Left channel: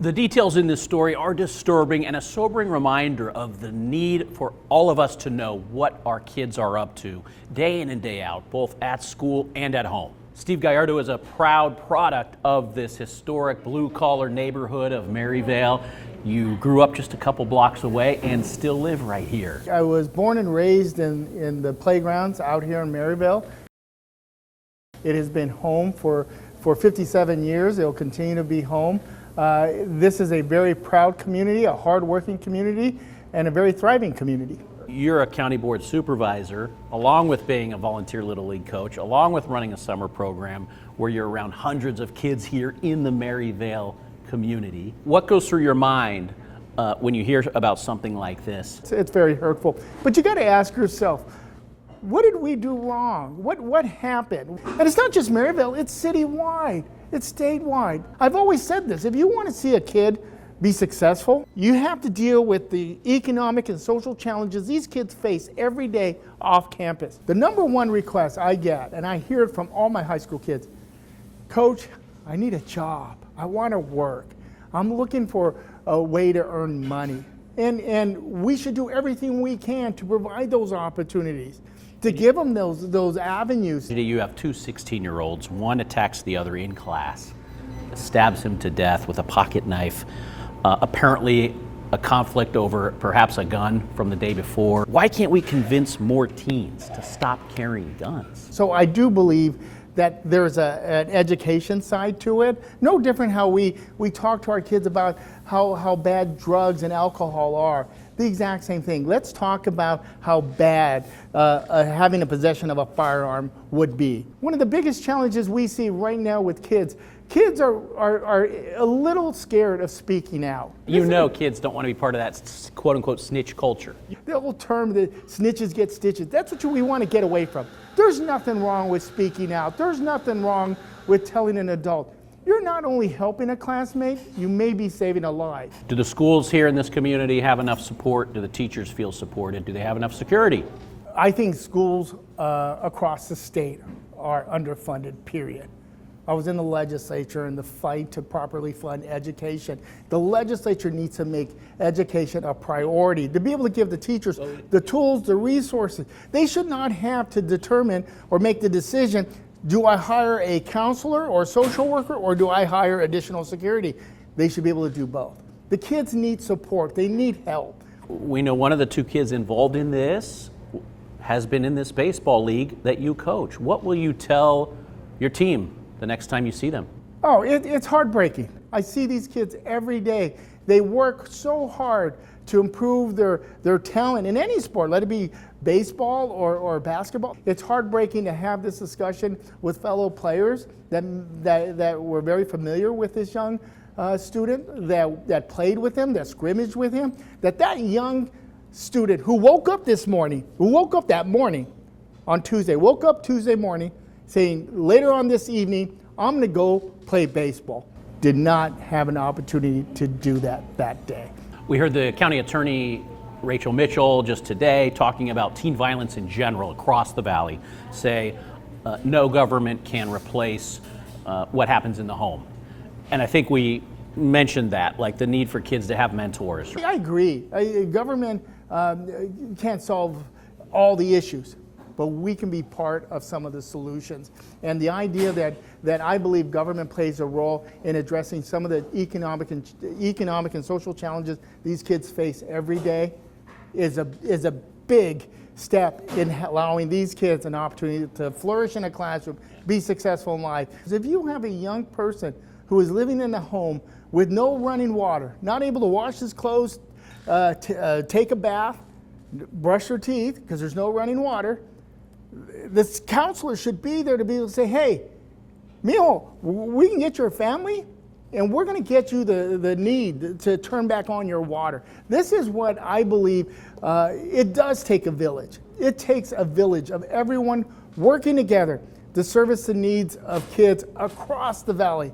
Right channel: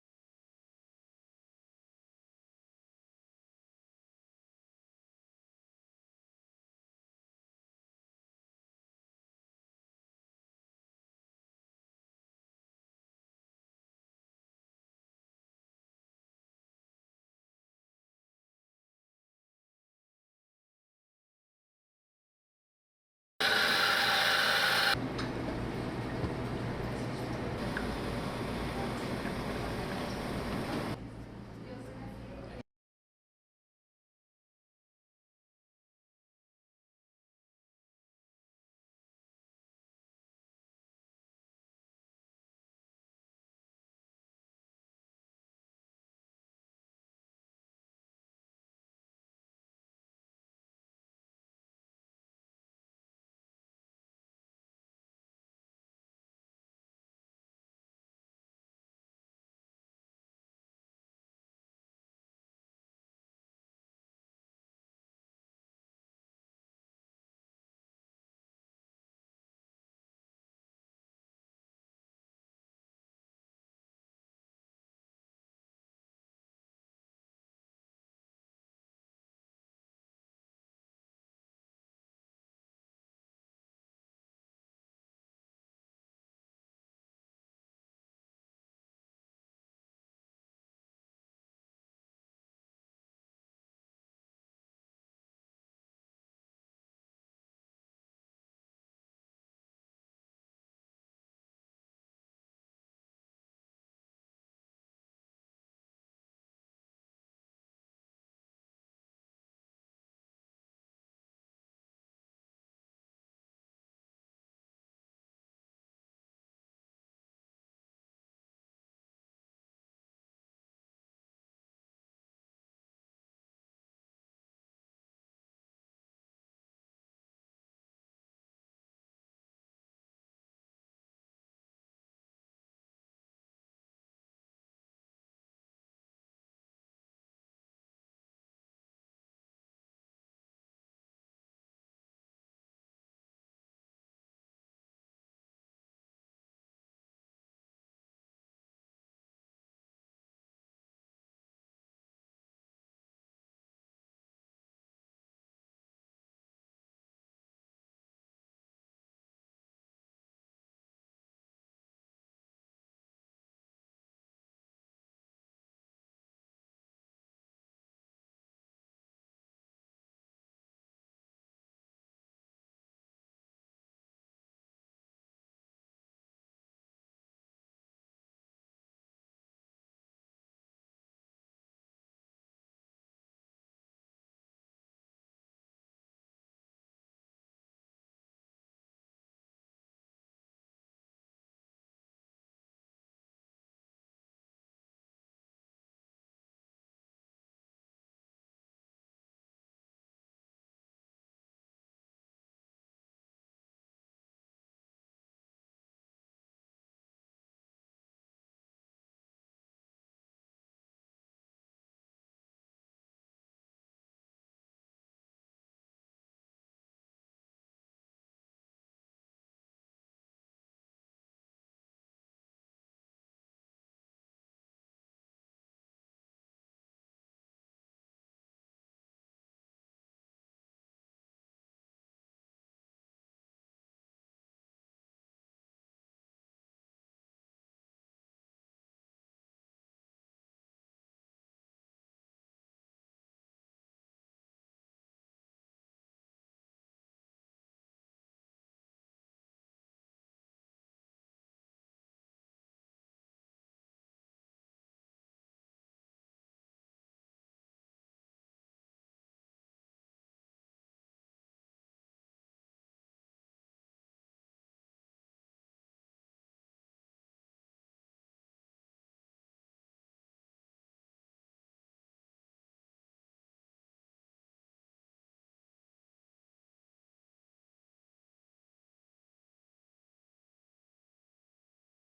The details in this story are disturbing and a sobering reminder of the need for all of us to know what our kids are up to day in and day out, both at school and at home. Steve Gallardo is a proud product of this historic blue-collar neighborhood of Maryvale. You grew up just a couple blocks away and still live right here. I was born and raised in the playgrounds out here in Maryvale. It has been home for 57 years. It'll continue to be home. This is a very proud community, a hard-working community, and a very thriving community. You're a county board supervisor, along with being a volunteer Little League coach, along with running a summer program where you're around hundreds of kids here in the Maryvale community. What goes through your mind when you hear about something like this? It's very hurtful, but you got to ask yourself, what did we do wrong? What happened? And it's not just Maryvale, it's citywide. It's statewide. I've always said this, if you want to see a kid be successful, you have to deal with the economic and social challenges these kids face every day off campus. The number one request I get, and I hear it from all my high school kids, Coach, I need a job. I want to work. I'm looking for a way to earn money. And we should do everything we can to provide those opportunities, to give them those avenues. You have two 16-year-olds. One attacks the other in class, stabs him to death with a pocket knife. Apparently a conflict over perhaps a gun from the day before. Why can't we convince more teens to stop carrying guns? So I do believe that there's an education side to it. No different how we talk to our kids about how bad drugs and alcohol are. The exact same thing. Let's talk about how bad having a possession of a firearm would be. One of the biggest challenges we see right now with kids are a little scared of speaking out. You know kids don't want to be part of that quote-unquote snitch culture. The old term that snitches get stitches, that's what we want to get away from. There's nothing wrong with speaking out. There's nothing wrong with telling an adult. You're not only helping a classmate, you may be saving a life. Do the schools here in this community have enough support? Do the teachers feel supported? Do they have enough security? I think schools across the state are underfunded, period. I was in the legislature in the fight to properly fund education. The legislature needs to make education a priority, to be able to give the teachers the tools, the resources. They should not have to determine or make the decision, do I hire a counselor or social worker, or do I hire additional security? They should be able to do both. The kids need support. They need help. We know one of the two kids involved in this has been in this baseball league that you coach. What will you tell your team the next time you see them? Oh, it's heartbreaking. I see these kids every day. They work so hard to improve their talent in any sport, let it be baseball or basketball. It's heartbreaking to have this discussion with fellow players that were very familiar with this young student, that played with him, that scrimmaged with him, that young student who woke up that morning on Tuesday, woke up Tuesday morning saying, later on this evening, I'm going to go play baseball, did not have an opportunity to do that day. We heard the county attorney, Rachel Mitchell, just today talking about teen violence in general across the valley, say no government can replace what happens in the home. And I think we mentioned that, like the need for kids to have mentors. I agree. Government can't solve all the issues, but we can be part of some of the solutions. And the idea that I believe government plays a role in addressing some of the economic and social challenges these kids face every day is a big step in allowing these kids an opportunity to flourish in a classroom, be successful in life. If you have a young person who is living in a home with no running water, not able to wash his clothes, take a bath, brush their teeth because there's no running water, this counselor should be there to be able to say, hey, mijo, we can get your family and we're going to get you the need to turn back on your water. This is what I believe it does take a village. It takes a village of everyone working together to service the needs of kids across the valley.